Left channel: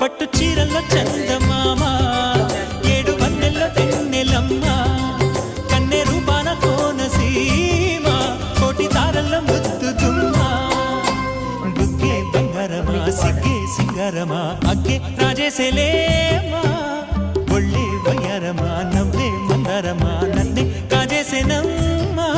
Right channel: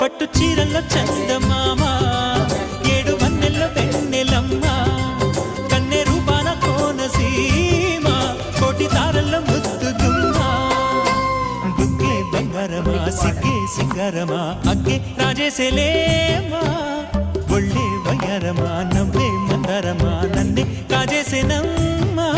పట్టు చీరల్లో చందమామ ఏడు వన్నెల్లో వెన్నెలమ్మ కన్నె రూపాన కోనసీమ కోటి తారల్లో ముద్దు గుమ్మ బుగ్గే బంగారమా సిగ్గే సింగారమా అగ్గే రాజేసేలేమా ఒళ్ళే వయ్యారమా నవ్వే మందారమా నన్నే కాజేసేనమ్మా